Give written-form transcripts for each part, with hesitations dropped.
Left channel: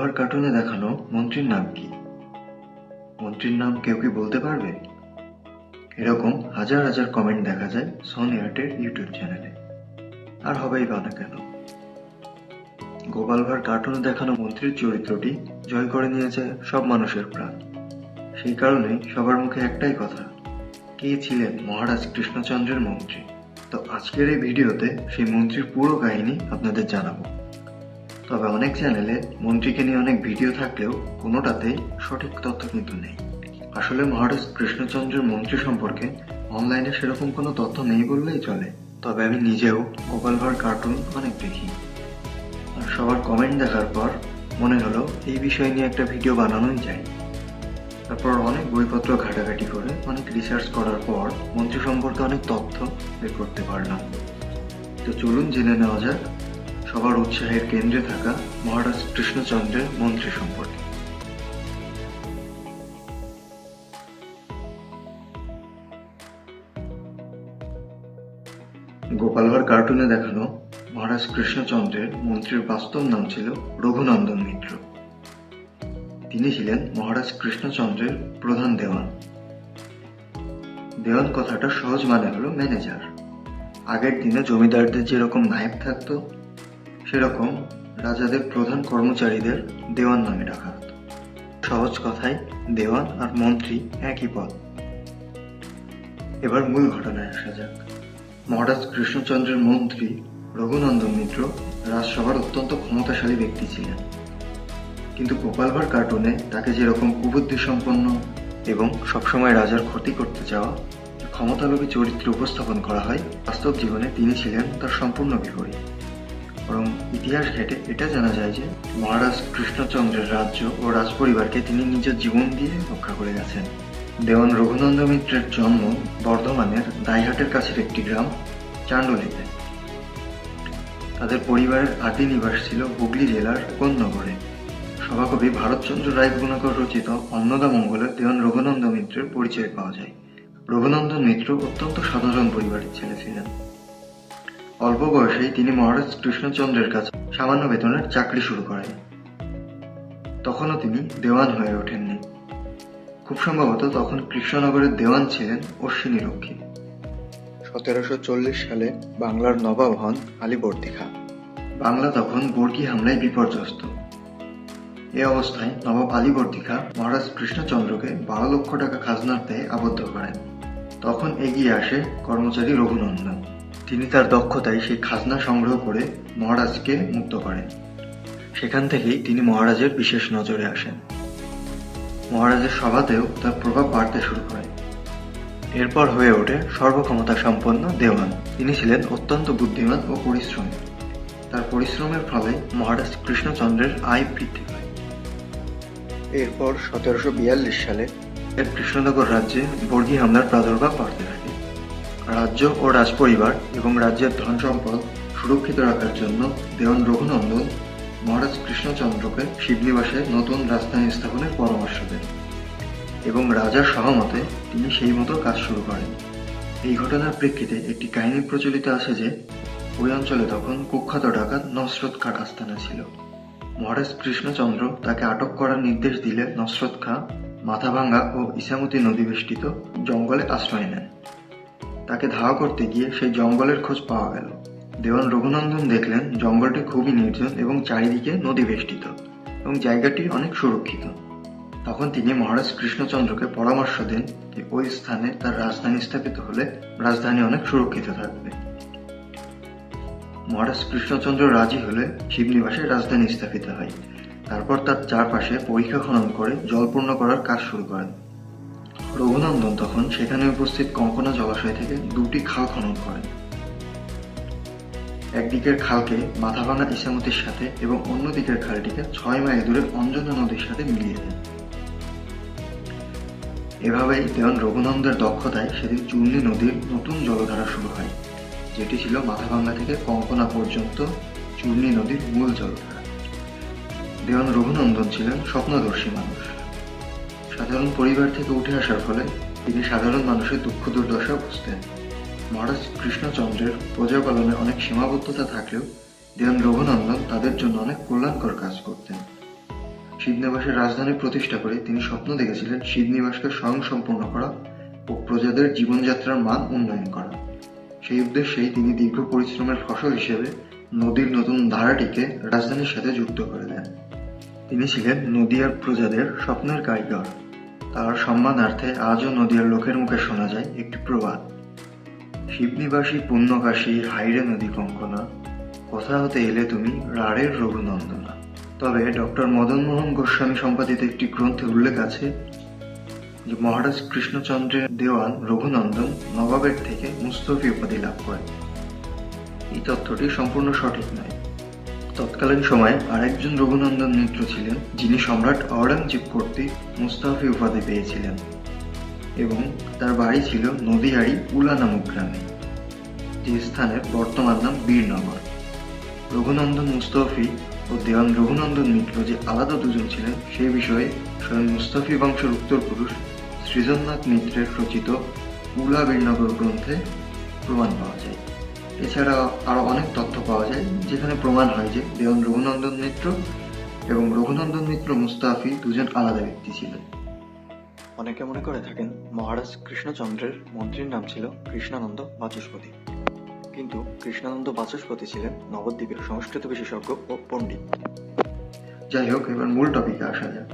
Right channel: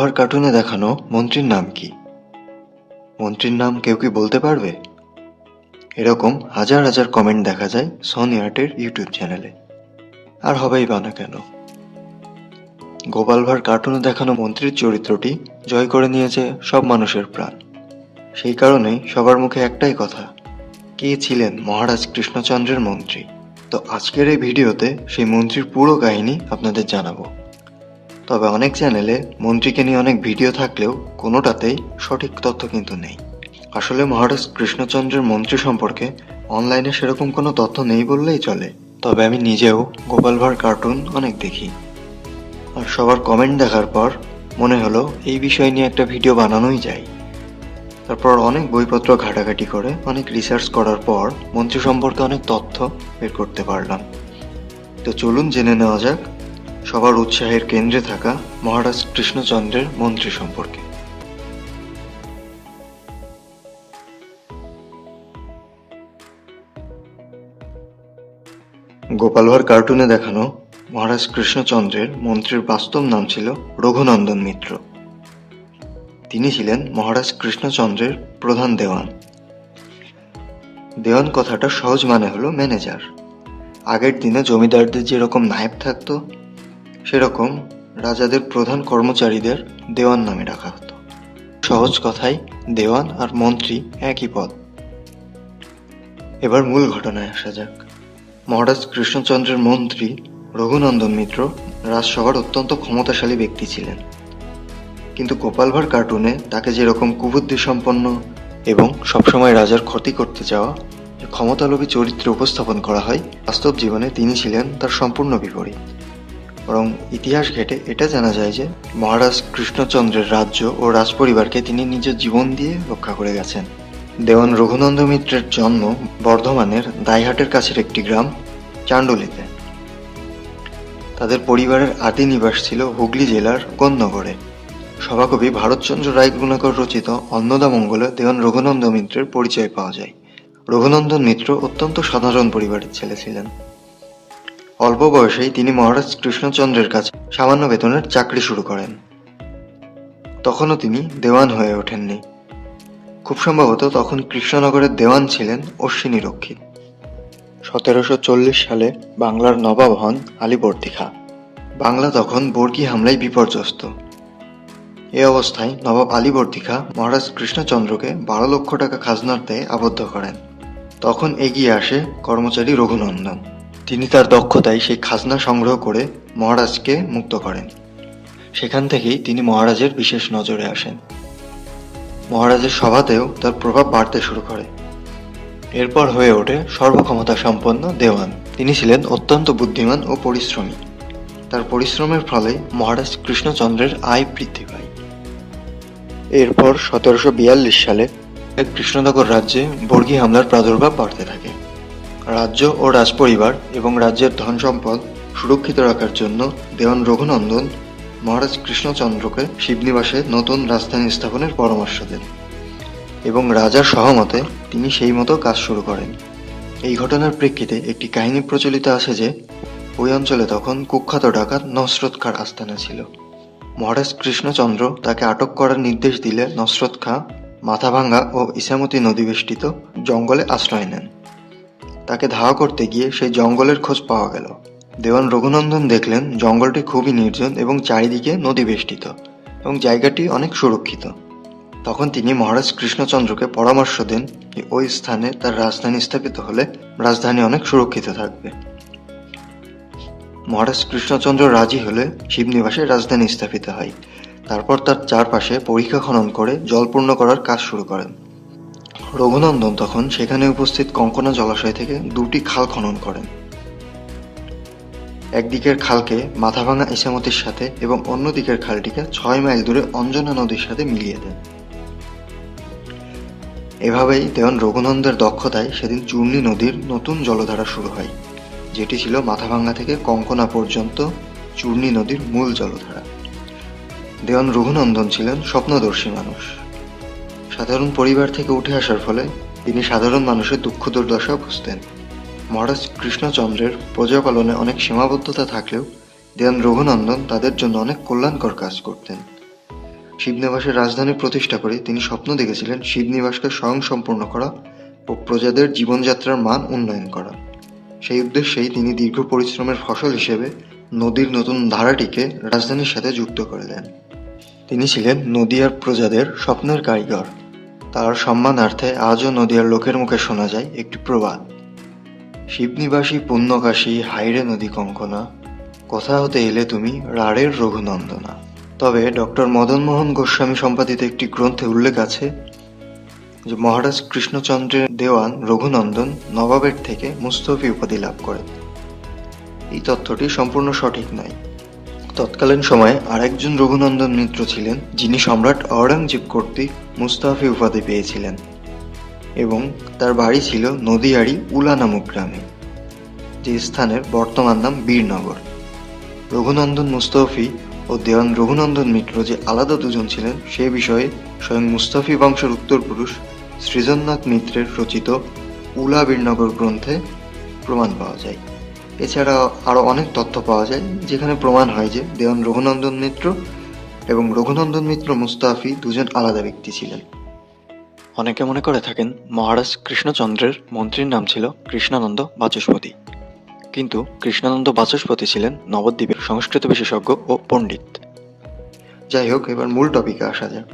গোপালভাঁড় কার্টুনে দেখানো মন্ত্রীর নাম কি? মন্ত্রীর নাম কেউ কি বলতে পারবে? এরকম হাজার হাজার কমেন্ট দেখা যায় সনি আর্টের ইউটিউব চ্যানেলে। আর হবেই বা না কেন? গোপালভাঁড় কার্টুনে দেখানো মন্ত্রীর চরিত্রটি জয় করে নিয়েছে সব মানুষের প্রাণ। সেই কারণেই সবার মুখে একটাই কথা, কে ছিলেন মহারাজ কৃষ্ণচন্দ্রের মন্ত্রী? তো আজকের এই ভিডিওতে সেই মন্ত্রীর পুরো কাহিনী আপনাদের জানাবো। তবে অনেক চ্যানেলে মন্ত্রীকে নিয়ে অনেক ভিডিও থাকলেও কোনোটাতেই সঠিক তথ্য কিন্তু নেই। আসলে মহারাজ কৃষ্ণচন্দ্রের মন্ত্রী সম্পর্কে অনলাইনে সেরকম কোনো তথ্য নেই বললেই চলে। তবে আমি নিজেও গোপালভাঁড় কার্টুন অনেক দেখি, আর সবার কমেন্ট দেখার পর মনে হলো এই বিষয় নিয়ে একটা ভিডিও বানানোই যায়। তারপর অনেক বইপত্র ঘাটাঘাটি করে অনেক রিসার্চ করার পর মন্ত্রী সম্পর্কে অনেক তথ্য বের করতে পারলাম। তো চলুন জেনে নেওয়া যাক সবার উৎসাহের কেন্দ্রে থাকা মহারাজ কৃষ্ণচন্দ্রের মন্ত্রী সম্পর্কে। গোপালভাঁড় কার্টুনে দেখানো মহারাজ কৃষ্ণচন্দ্রের মন্ত্রীর বাস্তব নাম ছিল রঘুনন্দন মিত্র। তিনি ছিলেন মহারাজ কৃষ্ণচন্দ্রের প্রধান দেওয়ান। দেওয়ান কথাটা সহজ মানে হলো ম্যানেজার। আগের দিনে জমিদারদের যেরকম নায়েব থাকতো, সেরকম রাজাদের প্রধান কর্মচারীদের দেওয়ান নামে ডাকা হতো। সহজ কথায় দেওয়ান আর মন্ত্রী একই পদ। এবার মূল ঘটনায় আসা যাক। মহারাজ কৃষ্ণচন্দ্রের মন্ত্রী রঘুনন্দন মিত্র রাজসভার অত্যন্ত ক্ষমতাশালী ব্যক্তি ছিলেন, কিন্তু গোপালভাঁড় কার্টুনে তাকে যেরকম কুবুদ্ধি সম্পন্ন এবং সবসময় রাজার ক্ষতি করতে চাওয়া ক্ষমতালোভী চরিত্রে উপস্থাপন করা হয়, বাস্তব জীবনে তিনি ছিলেন তার সম্পূর্ণ বিপরীত। বরং ইতিহাস ঘেঁটে এটা জানা যায় যে মহারাজ কৃষ্ণচন্দ্রের রাজ্য ও রাজপরিবারকে তিনি নিজের জীবন দিয়ে রক্ষা করে গেছেন। দেওয়ান রঘুনন্দন মিত্রের জন্ম বর্ধমানের দাইহাটের কাছের একটি গ্রাম চাণ্ডলীতে। তাদের পরিবারের আদি নিবাস ছিল হুগলি জেলার কোন্নগরে। সভাকবি ভারতচন্দ্র রায় গুণাকর রচিত অন্নদামঙ্গলে দেওয়ান রঘুনন্দন মিত্রের পরিচয় পাওয়া যায়। রঘুনন্দন মিত্র অত্যন্ত সাধারণ পরিবারের ছেলে ছিলেন। অল্প বয়সেই তিনি মহারাজ কৃষ্ণচন্দ্রের কাছে সামান্য বেতনের চাকরি শুরু করেন। তখনও তিনি দেওয়ান হয়ে ওঠেননি। খুব সম্ভবত তখন কৃষ্ণনগরের দেওয়ান ছিলেন অশ্বিনী রক্ষী। 1740 সালে বাংলার নবাব হন আলীবর্দী খাঁ। বাংলা তখন বর্গী হামলায় বিপর্যস্ত। এ অবস্থায় নবাব আলীবর্দী খাঁ মহারাজ কৃষ্ণচন্দ্রকে 12 লক্ষ টাকা খাজনার দায়ে আবদ্ধ করেন। তখন এগিয়ে আসে কর্মচারী রঘুনন্দন। তিনি তার দক্ষতায় সেই খাজনা সংগ্রহ করে মহারাজকে মুক্ত করেন। সেখান থেকেই তিনি মহারাজের বিশেষ নজরে আসেন। মহারাজের সভাতেও তার প্রভাব বাড়তে শুরু করে। এরপর হয়ে ওঠে সর্বক্ষমতা সম্পন্ন দেওয়ান। তিনি ছিলেন অত্যন্ত বুদ্ধিমান ও পরিশ্রমী। তার পরিশ্রমের ফলে মহারাজ কৃষ্ণচন্দ্রের আয় বৃদ্ধি পায়। এরপর 1742 সালে কৃষ্ণনগর রাজ্যে বর্গী হামলার প্রাদুর্ভাব বাড়তে থাকে। রাজ্য ও রাজপরিবার এবং রাজ্যের ধন সম্পদ সুরক্ষিত রাখার জন্য দেওয়ান রঘুনন্দন মহারাজ কৃষ্ণচন্দ্রকে শিবনিবাসে নতুন রাজধানী স্থাপনের পরামর্শ দেন এবং রাজার সহমতে তিনি সেই মতো কাজ শুরু করেন। এই ঘটনার প্রেক্ষিতে একটি কাহিনী প্রচলিত আছে যে ওই অঞ্চলে তখন কুখ্যাত ডাকাত নসরত খাঁর আস্তানা ছিল। মহারাজ কৃষ্ণচন্দ্র তাকে আটক করার নির্দেশ দিলে নসরত খাঁ মাথাভাঙ্গা ও ইসামতি নদী বেষ্টিত জঙ্গলে আশ্রয় নেন। তাকে ধাওয়া করতে গিয়ে সেই জঙ্গলের খোঁজ পাওয়া গেল। দেওয়ান রঘুনন্দন দেখলেন জঙ্গলটি খুবই নির্জন এবং চারিদিকে নদী বেষ্টিত এবং জায়গাটি অনেক সুরক্ষিত। তখন তিনি মহারাজ কৃষ্ণচন্দ্রকে পরামর্শ দেন যে ওই স্থানে তার রাজধানী স্থাপিত হলে রাজধানী অনেক সুরক্ষিত থাকবে। মহারাজ কৃষ্ণচন্দ্র রাজি হলে শিবনিবাসে রাজধানী স্থাপিত হয়। তারপর তার চারপাশে পরিখা খনন করে জলপূর্ণ করার কাজ শুরু করেন। রঘুনন্দন তখন সেখানে উপস্থিত কঙ্কনা জলাশয় থেকে 2টি খাল খনন করেন। একদিকের খালকে মাথাভাঙা ইসামতির সাথে এবং অন্য দিকের খালটিকে 6 মাইল দূরে অঞ্জনা নদীর সাথে মিলিয়ে দেন। এভাবেই দেওয়ান রঘুনন্দের দক্ষতায় সেদিন চূর্ণী নদীর নতুন জলধারা শুরু হয়, যেটি ছিল মাথাভাঙ্গা থেকে কঙ্কনা পর্যন্ত চূর্ণী নদীর মূল জলধারা। দেওয়ান রঘুনন্দন ছিলেন স্বপ্নদর্শী মানুষ। সাধারণ পরিবার থেকে উঠে আসার ফলে তিনি সাধারণ মানুষের দুঃখ দুর্দশা বুঝতেন। মহারাজ কৃষ্ণচন্দ্রের প্রজা পালনে অনেক সীমাবদ্ধতা থাকলেও দেওয়ান রঘুনন্দন তাদের জন্য অনেক কল্যাণকর কাজ করতেন। শিবনিবাসের রাজধানী প্রতিষ্ঠা করে তিনি স্বপ্ন দেখেছিলেন শিবনিবাসকে স্বয়ংসম্পূর্ণ করা ও প্রজাদের জীবনযাত্রার মান উন্নয়ন করা। সেই উদ্দেশ্যেই তিনি দীর্ঘ পরিশ্রমের ফসল হিসেবে নদীর নতুন ধারাটিকে রাজধানীর সাথে যুক্ত করে দেন। তিনি ছিলেন নদিয়ার প্রজাদের স্বপ্নের কারিগর। তার সম্মানার্থে আজও নদিয়ার লোকের মুখে শোনা যায় একটি প্রবাদ, শিবনিবাসী পুণ্যকাশী হাইরে নদী কঙ্কনা, কোথা হতে এলে তুমি রাড়ের রঘুনন্দনা। তবে ডক্টর মদনমোহন গোস্বামী সম্পাদিত একটি গ্রন্থে উল্লেখ আছে যে মহারাজ কৃষ্ণচন্দ্রের দেওয়ান রঘুনন্দন নবাবের থেকে মুস্তফি উপাধি লাভ করেন। এই তথ্যটি সম্পূর্ণ সঠিক নয়। তৎকালীন সময়ে আরেকজন রঘুনন্দন মিত্র ছিলেন যিনি সম্রাট ঔরঙ্গজেব কর্তৃক মুস্তাফি উপাধি পেয়েছিলেন এবং তার বাড়ি ছিল নদিয়ারি উলা নামক গ্রামে, যে স্থানের বর্তমান নাম বীরনগর। রঘুনন্দন মুস্তফি ও দেওয়ান রঘুনন্দন মিত্র যে আলাদা দুজন ছিলেন সে বিষয়ে স্বয়ং মুস্তফি বংশের উত্তরপুরুষ সৃজননাথ মিত্রের রচিত উলা বীরনগর গ্রন্থে প্রমাণ পাওয়া যায়। এছাড়া আরও অনেক তথ্য পাওয়া যায় যেখানে প্রমাণ হয় যে দেওয়ান রঘুনন্দন মিত্র এবং রঘুনন্দন মিত্র মুস্তাফি দুজন আলাদা ব্যক্তি ছিলেন। অনেকে মনে করে থাকেন মহারাজ কৃষ্ণচন্দ্রের মন্ত্রীর নাম ছিল কৃষ্ণানন্দ বাচস্পতি, কিন্তু কৃষ্ণানন্দ বাচস্পতি ছিলেন নবদ্বীপের সংস্কৃত বিশেষজ্ঞ ও পণ্ডিত। যাই হোক, এবার মূল টপিকে আসা যাক।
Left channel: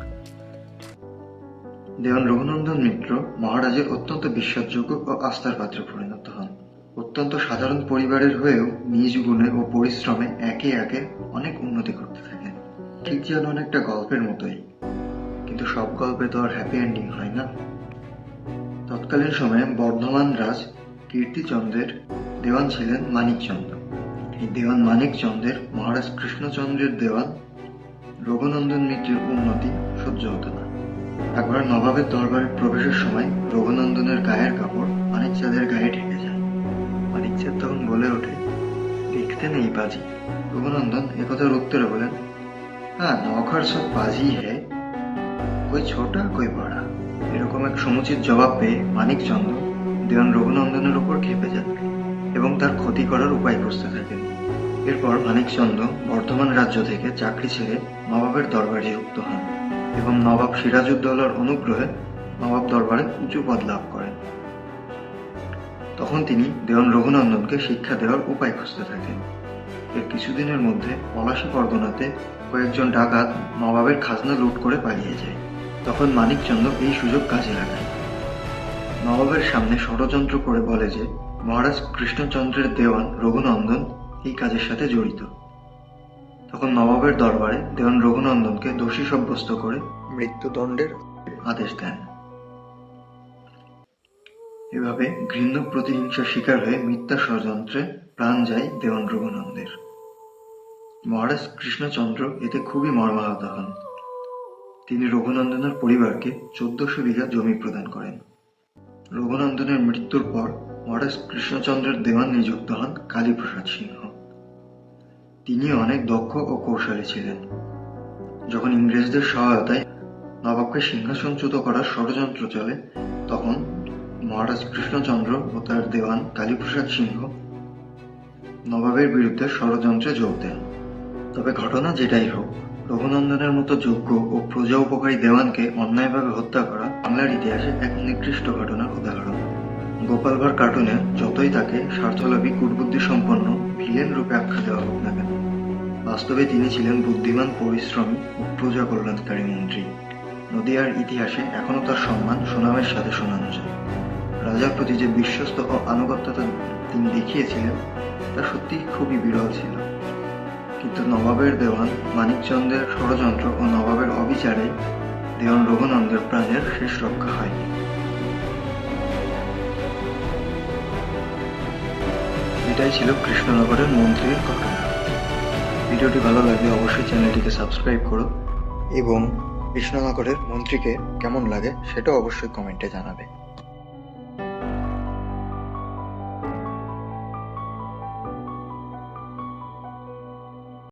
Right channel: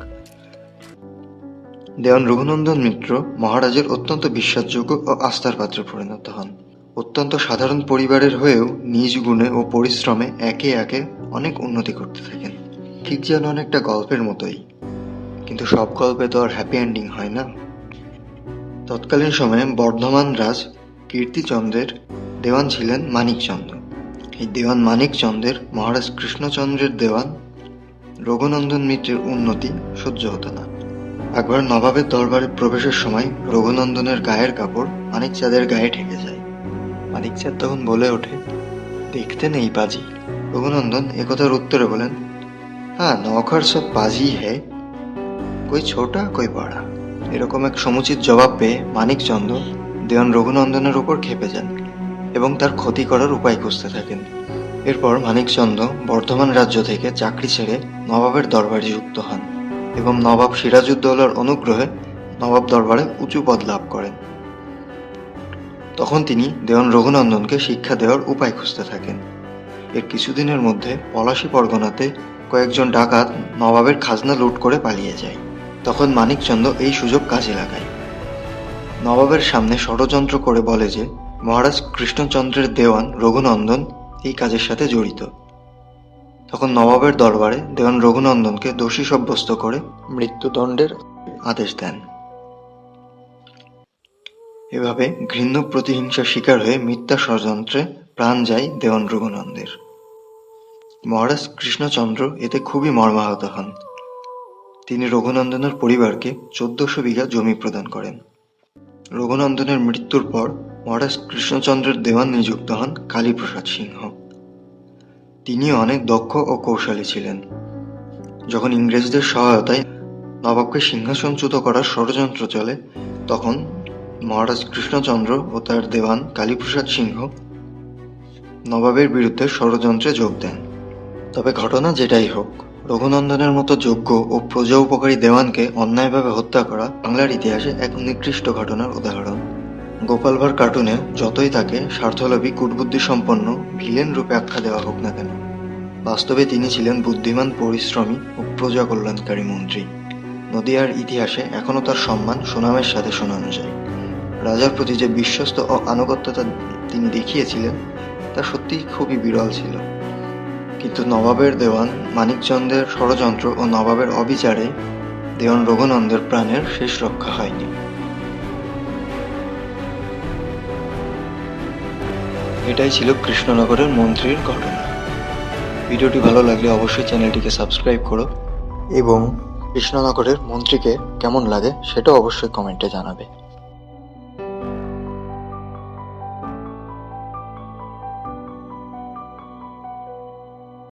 দেওয়ান রঘুনন্দন মিত্র মহারাজের অত্যন্ত বিশ্বাসযোগ্য ও আস্থার পাত্রে পরিণত হন। অত্যন্ত সাধারণ পরিবারের হয়েও নিজ গুণে ও পরিশ্রমে একে একে অনেক উন্নতি করতে থাকেন, ঠিক যেন অনেকটা গল্পের মতোই। কিন্তু সব গল্পে তো আর হ্যাপি এন্ডিং হয় না। তৎকালীন সময়ে বর্ধমান রাজ কীর্তিচন্দ্রের দেওয়ান ছিলেন মানিকচন্দ্র। এই দেওয়ান মানিকচন্দ্রের মহারাজ কৃষ্ণচন্দ্রের দেওয়ান রঘুনন্দন মিত্রের উন্নতি সহ্য হতো না। একবার নবাবের দরবারে প্রবেশের সময় রঘুনন্দনের গায়ের কাপড় মানিকচাঁদের গায়ে ঠেকে যায়। মানিকচাঁদ তখন বলে ওঠে, দেখতে নেই পাজি। রঘুনন্দন একথার উত্তরে বলেন, হ্যাঁ, নৌকার সব পাজি হে, কই ছোটা কই বড়া। এরকম এক সমুচিত জবাব পেয়ে মানিকচন্দ্র দেওয়ান রঘুনন্দনের উপর ক্ষেপে যান এবং তার ক্ষতি করার উপায় খুঁজতে থাকেন। এরপর মানিকচন্দ্র বর্ধমান রাজ্য থেকে চাকরি ছেড়ে নবাবের দরবারে যুক্ত হন এবং নবাব সিরাজউদ্দৌলার অনুগ্রহে নবাব দরবারে উঁচু পদ লাভ করেন। তখন তিনি দেওয়ান রঘুনন্দনকে শিক্ষা দেওয়ার উপায় খুঁজতে থাকেন। এর কিছুদিনের মধ্যে পলাশী পরগনাতে কয়েকজন ডাকাত নবাবের খাজনা লুট করে পালিয়ে যায়। তখন মানিকচন্দ্র এই সুযোগ কাজে লাগায়। নবাবের সামনে ষড়যন্ত্র করে বলে যে মহারাজ কৃষ্ণচন্দ্রের দেওয়ান রঘুনন্দন এই কাজের সাথে জড়িত। তখন নবাবের দরবারে দেওয়ান রঘুনন্দনকে দোষী সাব্যস্ত করে মৃত্যুদণ্ডের আদেশ দেন। এভাবে ঘৃণ্য প্রতিহিংসার শিকার হয়ে মিথ্যা ষড়যন্ত্রে প্রাণ যায় দেওয়ান রঘুনন্দের। মহারাজ কৃষ্ণচন্দ্র এতে খুবই মর্মাহত হন। তিনি রঘুনন্দনের পরিবারকে 1400 বিঘা জমি প্রদান করেন। রঘুনন্দনের মৃত্যুর পর মহারাজ কৃষ্ণচন্দ্রের দেওয়ান নিযুক্ত হন কালীপ্রসাদ সিংহ। তিনিও অনেক দক্ষ ও কৌশলী ছিলেন। যখন ইংরেজদের সহায়তায় নবাবকে সিংহাসনচ্যুত করার ষড়যন্ত্র চলে, তখন মহারাজ কৃষ্ণচন্দ্র ও তার দেওয়ান কালীপ্রসাদ সিংহ নবাবের বিরুদ্ধে ষড়যন্ত্রে যোগ দেন। তবে ঘটনা যেটাই হোক, রঘুনন্দনের মতো যোগ্য ও প্রজা উপকারী দেওয়ানকে অন্যায়ভাবে হত্যা করা বাংলার ইতিহাসে এক নিকৃষ্ট ঘটনার উদাহরণ। গোপাল ভাঁড় কার্টুনে যতই তাকে স্বার্থলোভী কুটবুদ্ধি সম্পন্ন ভিলেন রূপে আখ্যা দেওয়া হোক না কেন, বাস্তবে তিনি ছিলেন বুদ্ধিমান, পরিশ্রমী ও প্রজা কল্যাণকারী মন্ত্রী। নদিয়ার ইতিহাসে এখনও তার সম্মান সুনামের সাথে শোনানো যায়। রাজার প্রতি যে বিশ্বস্ত ও আনুগত্যতা তিনি দেখিয়েছিলেন তা সত্যিই খুবই বিরল ছিল। কিন্তু নবাবের দেওয়ান মানিকচন্দ্রের ষড়যন্ত্র ও নবাবের অবিচারে দেওয়ান রঘুনন্দের প্রাণের শেষ রক্ষা হয়নি। এটাই ছিল কৃষ্ণনগরের মন্ত্রীর ঘটনা। ভিডিওটি ভালো লাগলে অবশ্যই চ্যানেলটিকে সাবস্ক্রাইব করো এবং কৃষ্ণনগরের মন্ত্রীকে কেমন লাগে সেটাও অবশ্যই কমেন্টে জানাবে।